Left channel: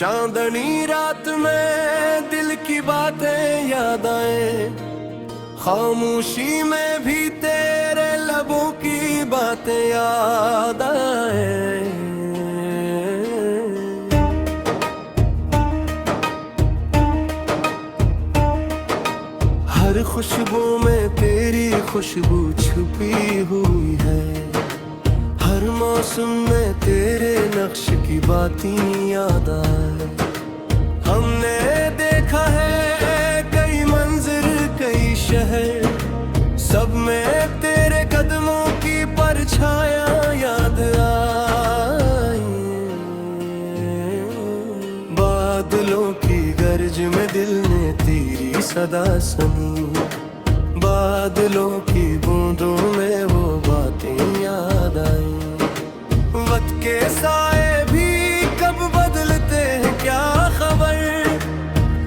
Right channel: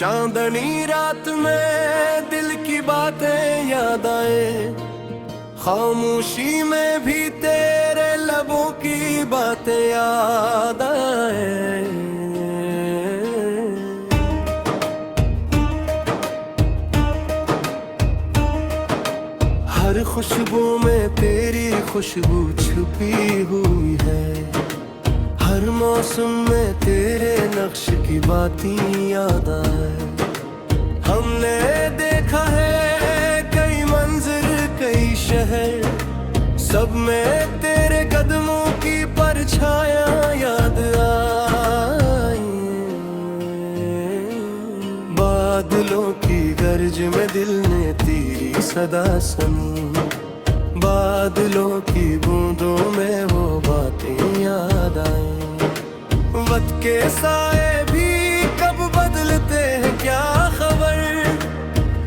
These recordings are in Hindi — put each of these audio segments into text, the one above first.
चांदनी रात में दिल की बातें याद आए, खामोशी में भी तेरे लबों की बातें याद आए। हर खुशबू में तेरी खुशबू छुपी हुई है, हर मौसम में तेरे नक्श की बातें याद आए। हमने देखा है कई मंजिर कई शहर, सब में तेरे कदमों की परछाया याद आई। बादलों की गर्ज में दिल ने तेरी सदा सुनी, बादलों की बूंदों में वो बातें याद आई। वक्त के साए भी कब बदलते हैं क्या खबर,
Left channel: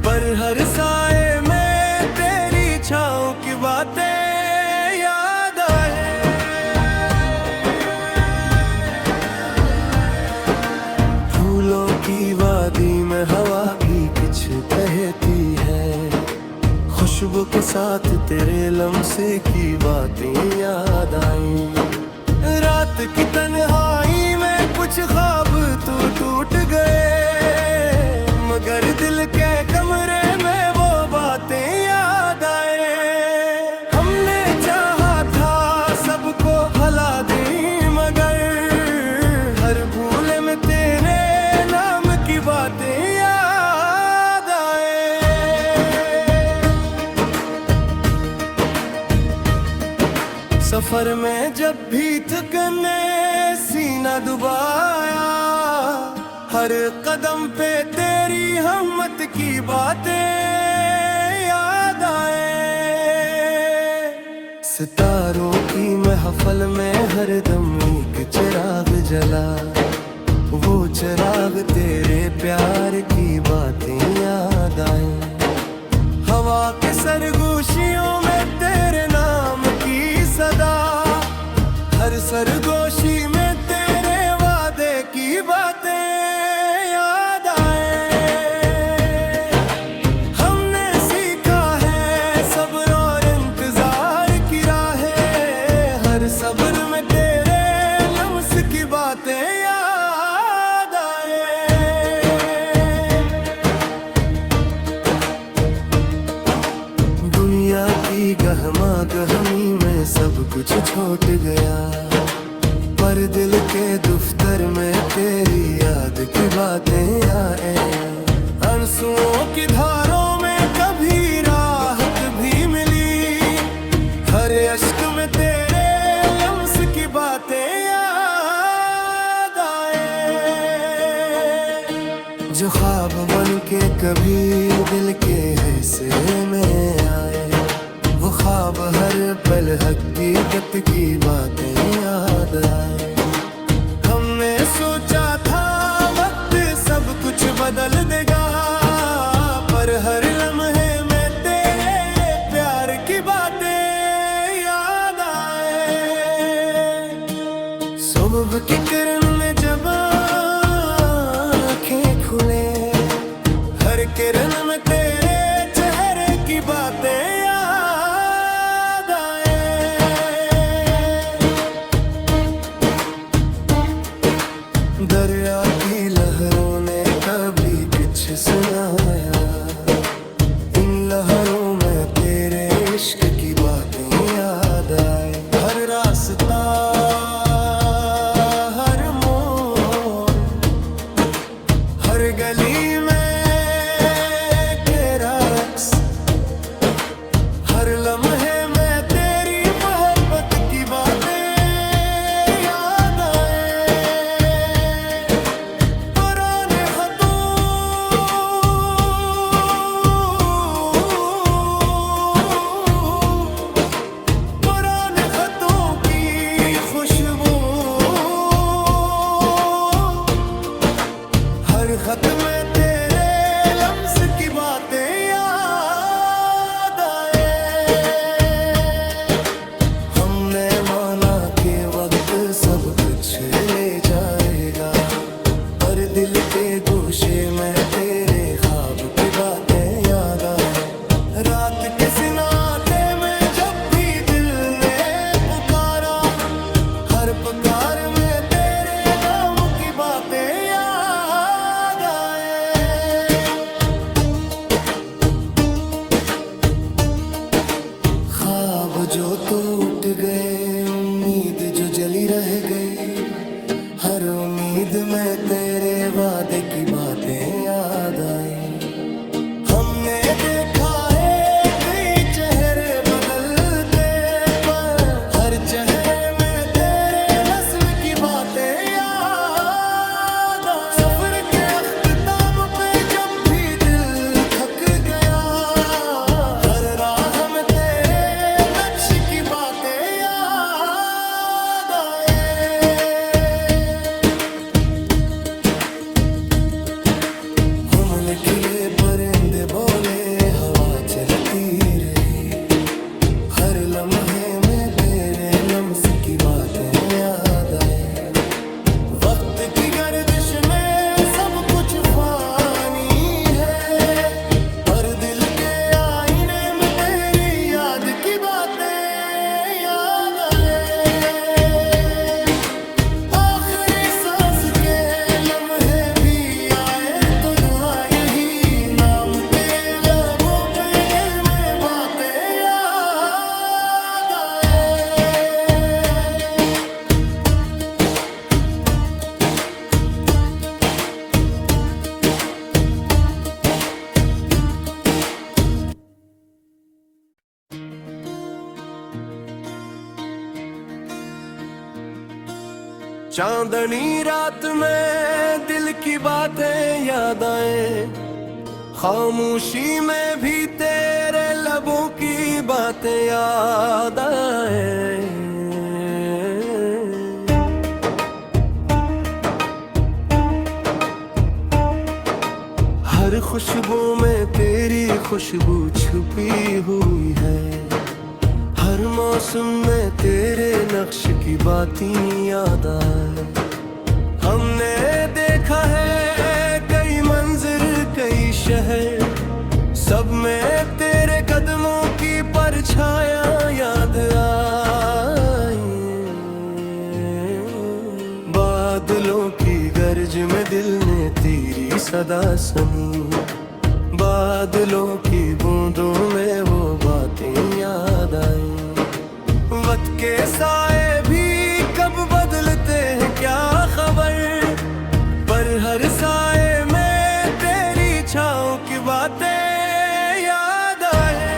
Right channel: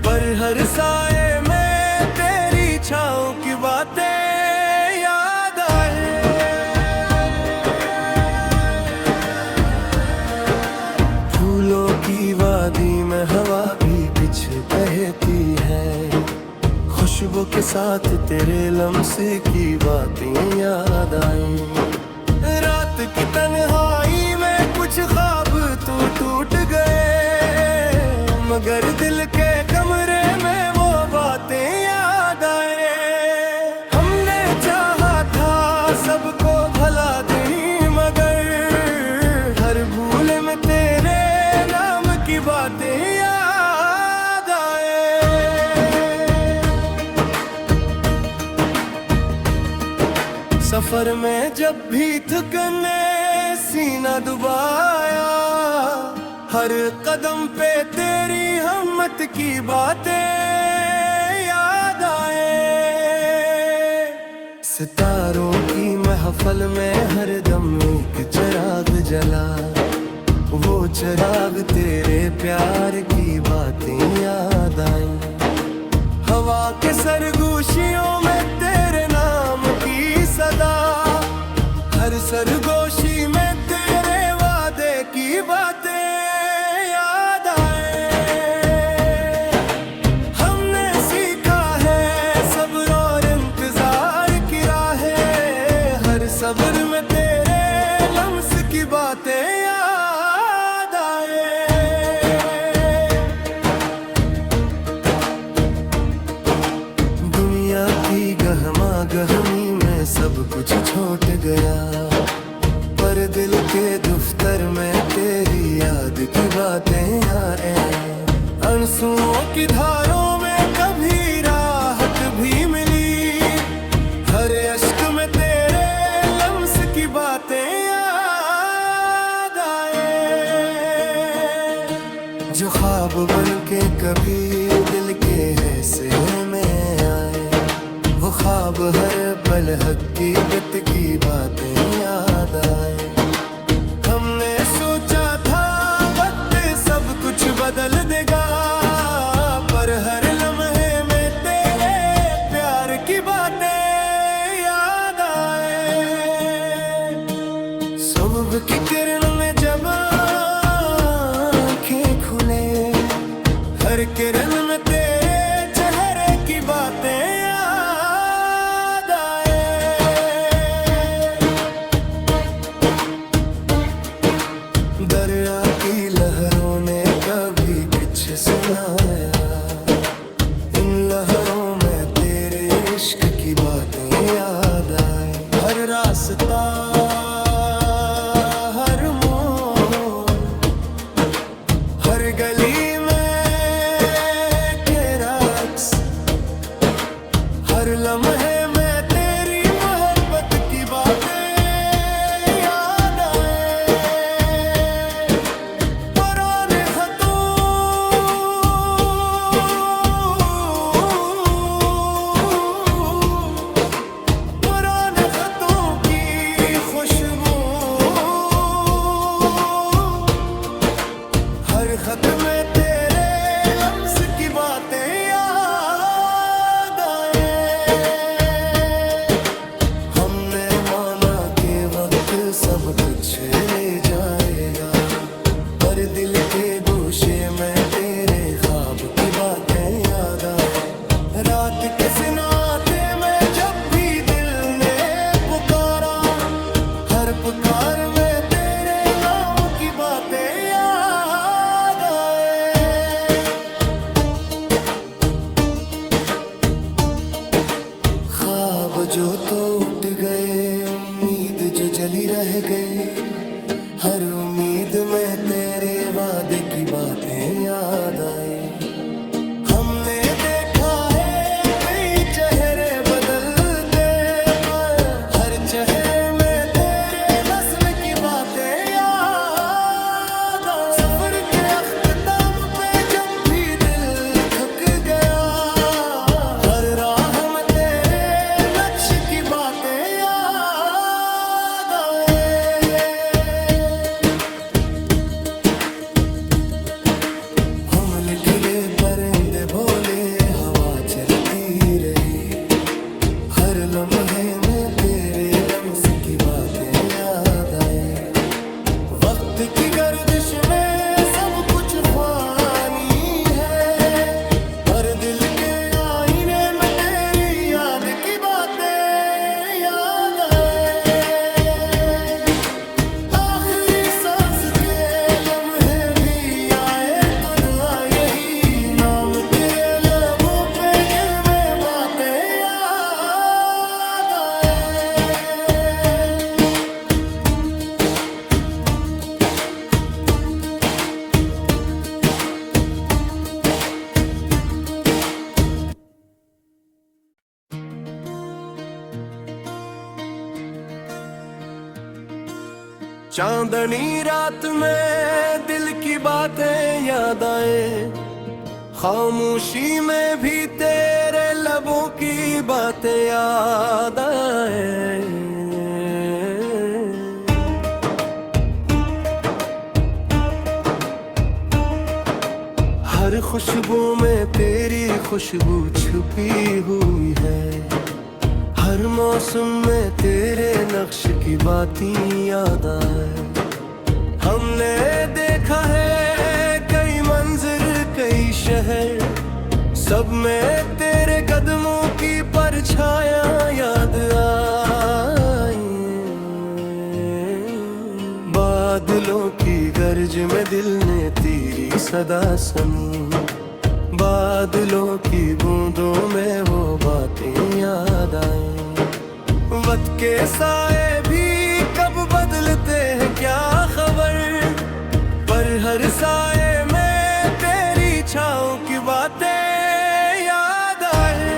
पर हर साए में तेरी छाँव की बातें याद आए। फूलों की वादी में हवा भी कुछ कहती है, खुशबू के साथ तेरे लम्से की बातें याद आई। रात की तन्हाई में कुछ ख्वाब तो टूट गए, मगर दिल के कमरे में वो बातें याद आए। हमने चाहा था सबको भला दी, मगर हर भूल में तेरे नाम की बातें याद आए। सफर में जब भी थकने सीना दुबाया, हर कदम पे तेरी हिम्मत की बातें याद आए। सितारों की महफल में हर दम एक चिराग जला, वो चिराग तेरे प्यार की बातें याद आई। हवा के सरगोशियों में तेरे नाम की सदा, हर सरगोशी में तेरे वादे की बातें याद आए। हमने सीखा है सब्र और इंतजार की राहें, हर सब्र में तेरे लम्स की बातें याद आए। दुनिया की गहमा गहमी में सब कुछ छोड़ गया, पर दिल के दफ्तर में तेरी याद की बातें आए। आंसुओं की धारों में कभी राहत भी मिली, हर अश्क में तेरे लम्स की बातें याद आए। जो ख्वाब बन के कभी दिल के हिस्से में आए, वो ख्वाब हर पल हकीकत की बातें याद आए। हमने सोचा था वक्त सब कुछ बदल देगा, पर हर लम्हे में तेरे प्यार की बातें याद आए। सुबह की किरण में जब आँखें खुले, हर किरण में तेरे चेहरे की बातें याद आए। दरिया की लहरों ने कभी कुछ सुनाया, इन लहरों में तेरे इश्क की बातें याद आए। हर रास्ता हर मोड़, हर गली में तेरा अक्स, हर लम्हे में तेरी मोहब्बत की बातें याद आए। पुराने खतों पुराने खतों की खुशबू, हर खत में तेरे लम्स की बातें याद आए। हमने माना कि वक्त सब कुछ ले जाएगा, हर दिल के गोशे में तेरे ख्वाब की बातें याद आए। रात के सिनाते में जब भी दिल ने पुकारा, हर पुकार में तेरे नाम की बातें याद आए। ख्वाब जो तो उठ गए, उम्मीद जो जली रह गई, हर उम्मीद में तेरे वादे की बातें याद आई। हमने देखा है कई चेहरे बदलते, पर हर चेहरे में तेरे हस्न की बातें याद आई। सफर के अख्ताम पे जब भी दिल थक गया, हर राह में तेरे नक्श की बातें याद आए। खिले परिंदे बोले, हवा चलती रही, हर लम्हे में तेरे लम्स की बातें याद आई। वक्त की गर्दिश में सब कुछ फानी है, पर दिल के आईने में तेरी याद की बातें याद आए। आखिरी सांस के लम्हे भी आए तो दुआ यही, नाम तेरे लबों पे दिल में बातें याद आए। चांदनी रात में दिल की बातें याद आए, खामोशी में भी तेरे लबों की बातें याद आए। हर खुशबू में तेरी खुशबू छुपी हुई है, हर मौसम में तेरे नक्श की बातें याद आए। हमने देखा है कई मंजिर कई शहर, सब में तेरे कदमों की परछाया याद आई। बादलों की गर्ज में दिल ने तेरी सदा सुनी, बादलों की बूंदों में वो बातें याद आई। वक्त के साए भी कब बदलते हैं क्या खबर, पर हर साए में तेरी छाँव की बातें याद आए।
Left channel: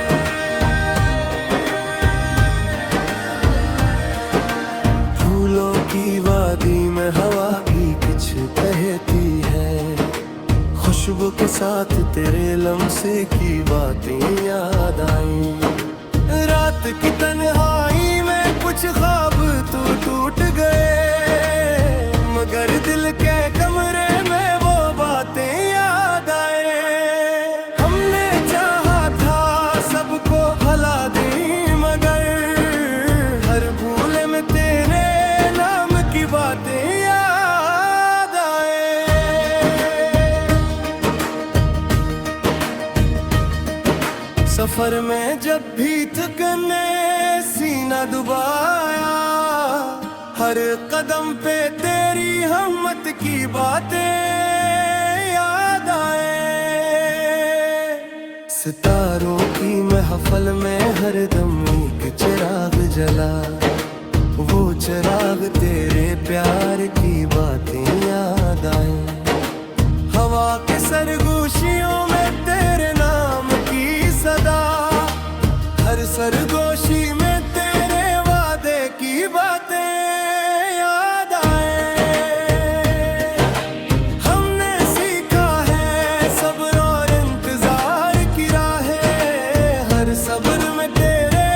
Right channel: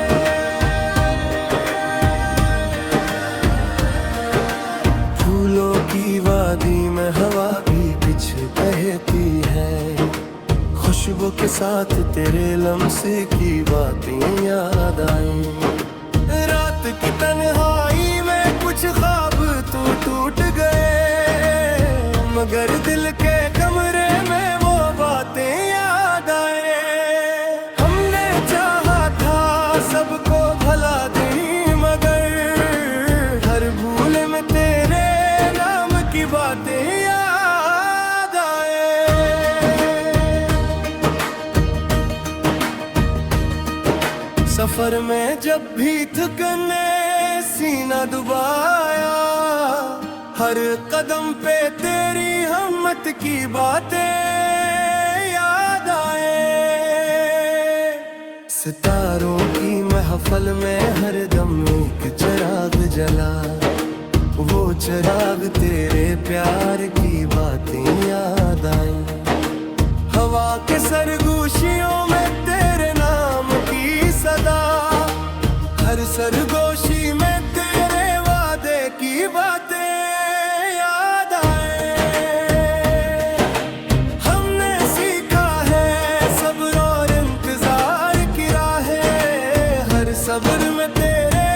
फूलों की वादी में हवा भी कुछ कहती है, खुशबू के साथ तेरे लम्से की बातें याद आई। रात की तन्हाई में कुछ ख्वाब तो टूट गए, मगर दिल के कमरे में वो बातें याद आए। हमने चाहा था सबको भला दी, मगर हर भूल में तेरे नाम की बातें याद आए। सफर में जब भी थकने सीना दुबाया, हर कदम पे तेरी हिम्मत की बातें याद आए। सितारों की महफल में हर दम एक चिराग जला, वो चिराग तेरे प्यार की बातें याद आई। हवा के सरगोशियों में तेरे नाम की सदा, हर सरगोशी में तेरे वादे की बातें याद आए। हमने सीखा है सब्र और इंतजार की राहें, हर सब्र में तेरे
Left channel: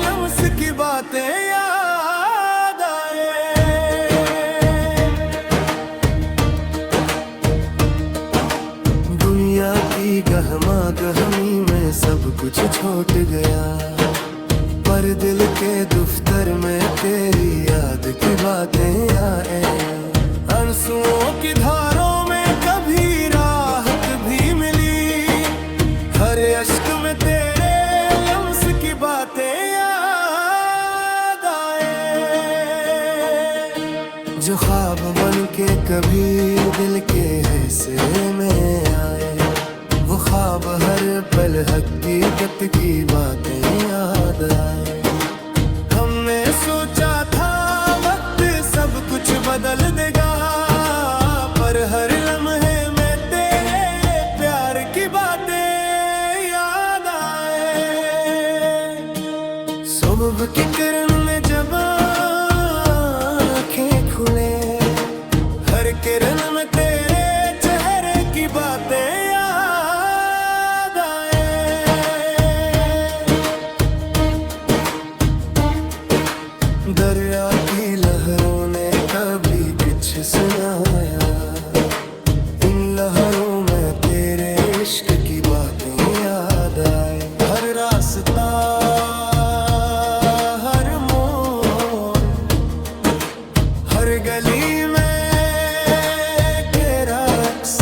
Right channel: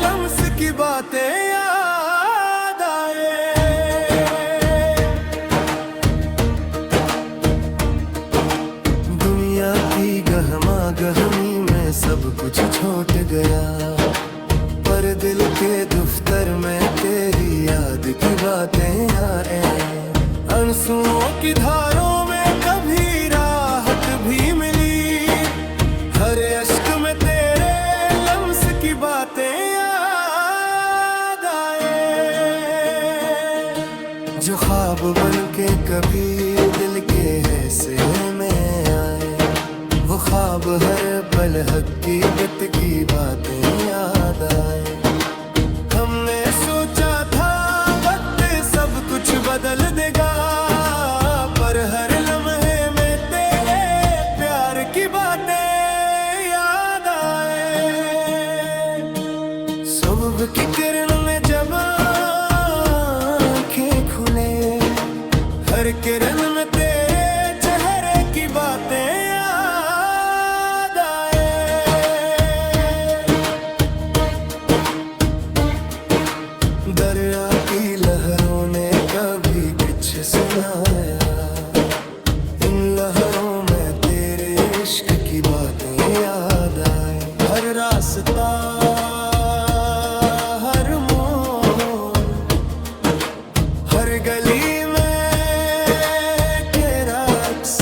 लम्स की बातें याद आए। दुनिया की गहमा गहमी में सब कुछ छूट गया, पर दिल के दफ्तर में तेरी याद की बातें आए। आंसुओं की धारों में कभी राहत भी मिली। हर अश्क में तेरे लम्स की बातें याद आए, जो ख्वाब बन के कभी दिल के हिस्से में आए। वो ख्वाब हर पल हकीकत की बातें याद आए। हमने सोचा था वक्त सब कुछ बदल देगा, पर हर लम्हे में तेरे प्यार की बातें याद आए। सुबह की किरण में जब आँखें खुले, हर किरण में तेरे चेहरे की बातें याद आए। दरिया की लहरों ने कभी कुछ सुनाया, इन लहरों में तेरे इश्क की बातें याद आए। हर रास्ता, हर मोड़, हर गली में के रक्स,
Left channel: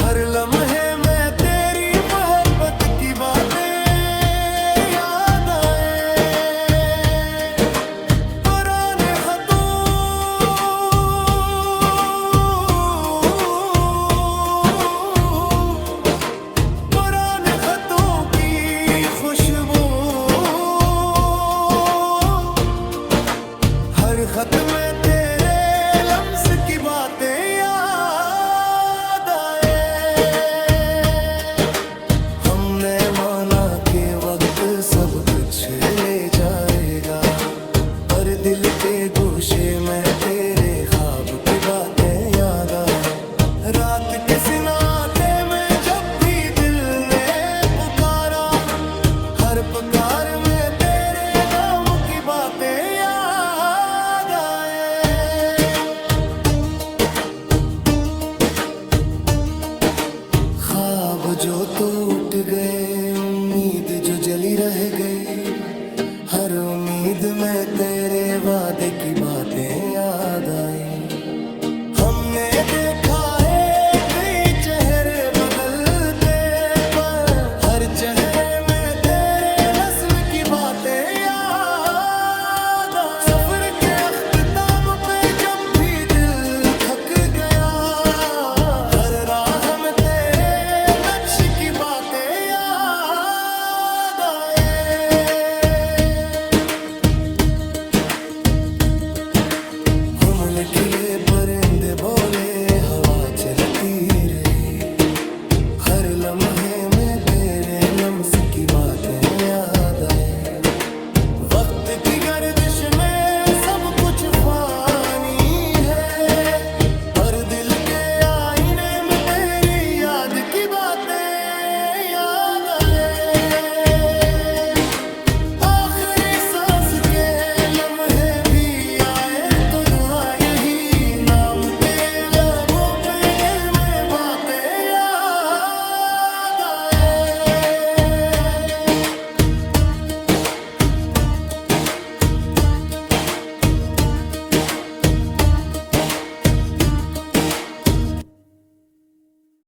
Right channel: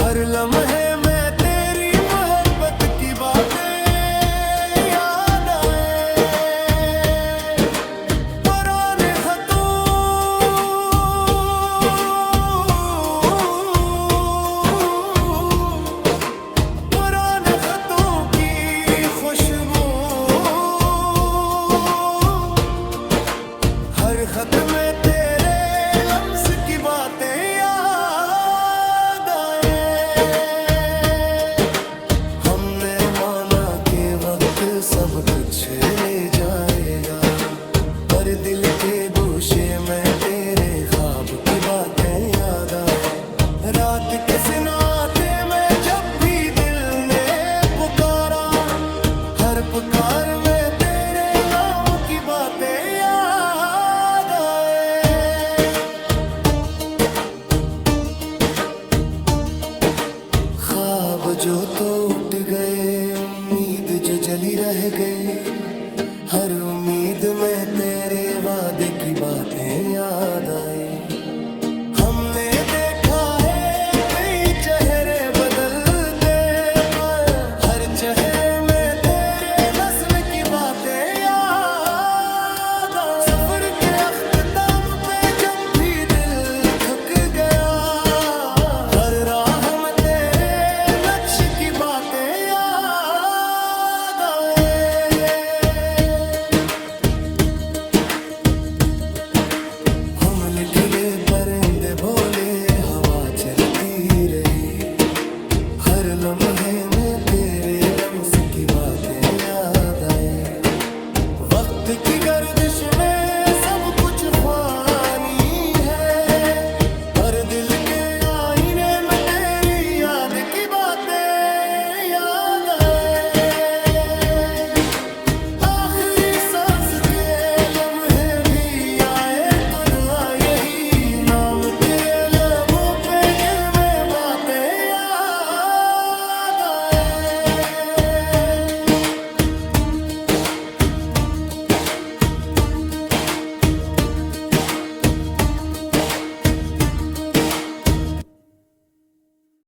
हर लम्हे में तेरी मोहब्बत की बातें याद आए। पुराने खतों, पुराने खतों की खुशबू, हर खत में तेरे लम्स की बातें याद आए। हमने माना कि वक्त सब कुछ ले जाएगा, पर दिल के गोशे में तेरे ख्वाब की बातें याद आए। रात के सिनाटे में जब भी दिल ने पुकारा, हर पुकार में तेरे नाम की बातें याद आए। ख्वाब जो तो उठ गए, उम्मीद जो जली रह गई। हर उम्मीद में तेरे वादे की बातें याद आई। हमने देखा है कई चेहरे बदलते, पर हर चेहरे में तेरे हस्न की बातें याद आई। सफर के अख्ताम पे जब भी दिल थक गया, हर राह में तेरे नक्श की बातें याद आए। हमले किले परिंदे बोले, हवा चलती रही। हर लम्हे में तेरे लम्स की बातें याद आई। वक्त की गर्दिश में सब कुछ फानी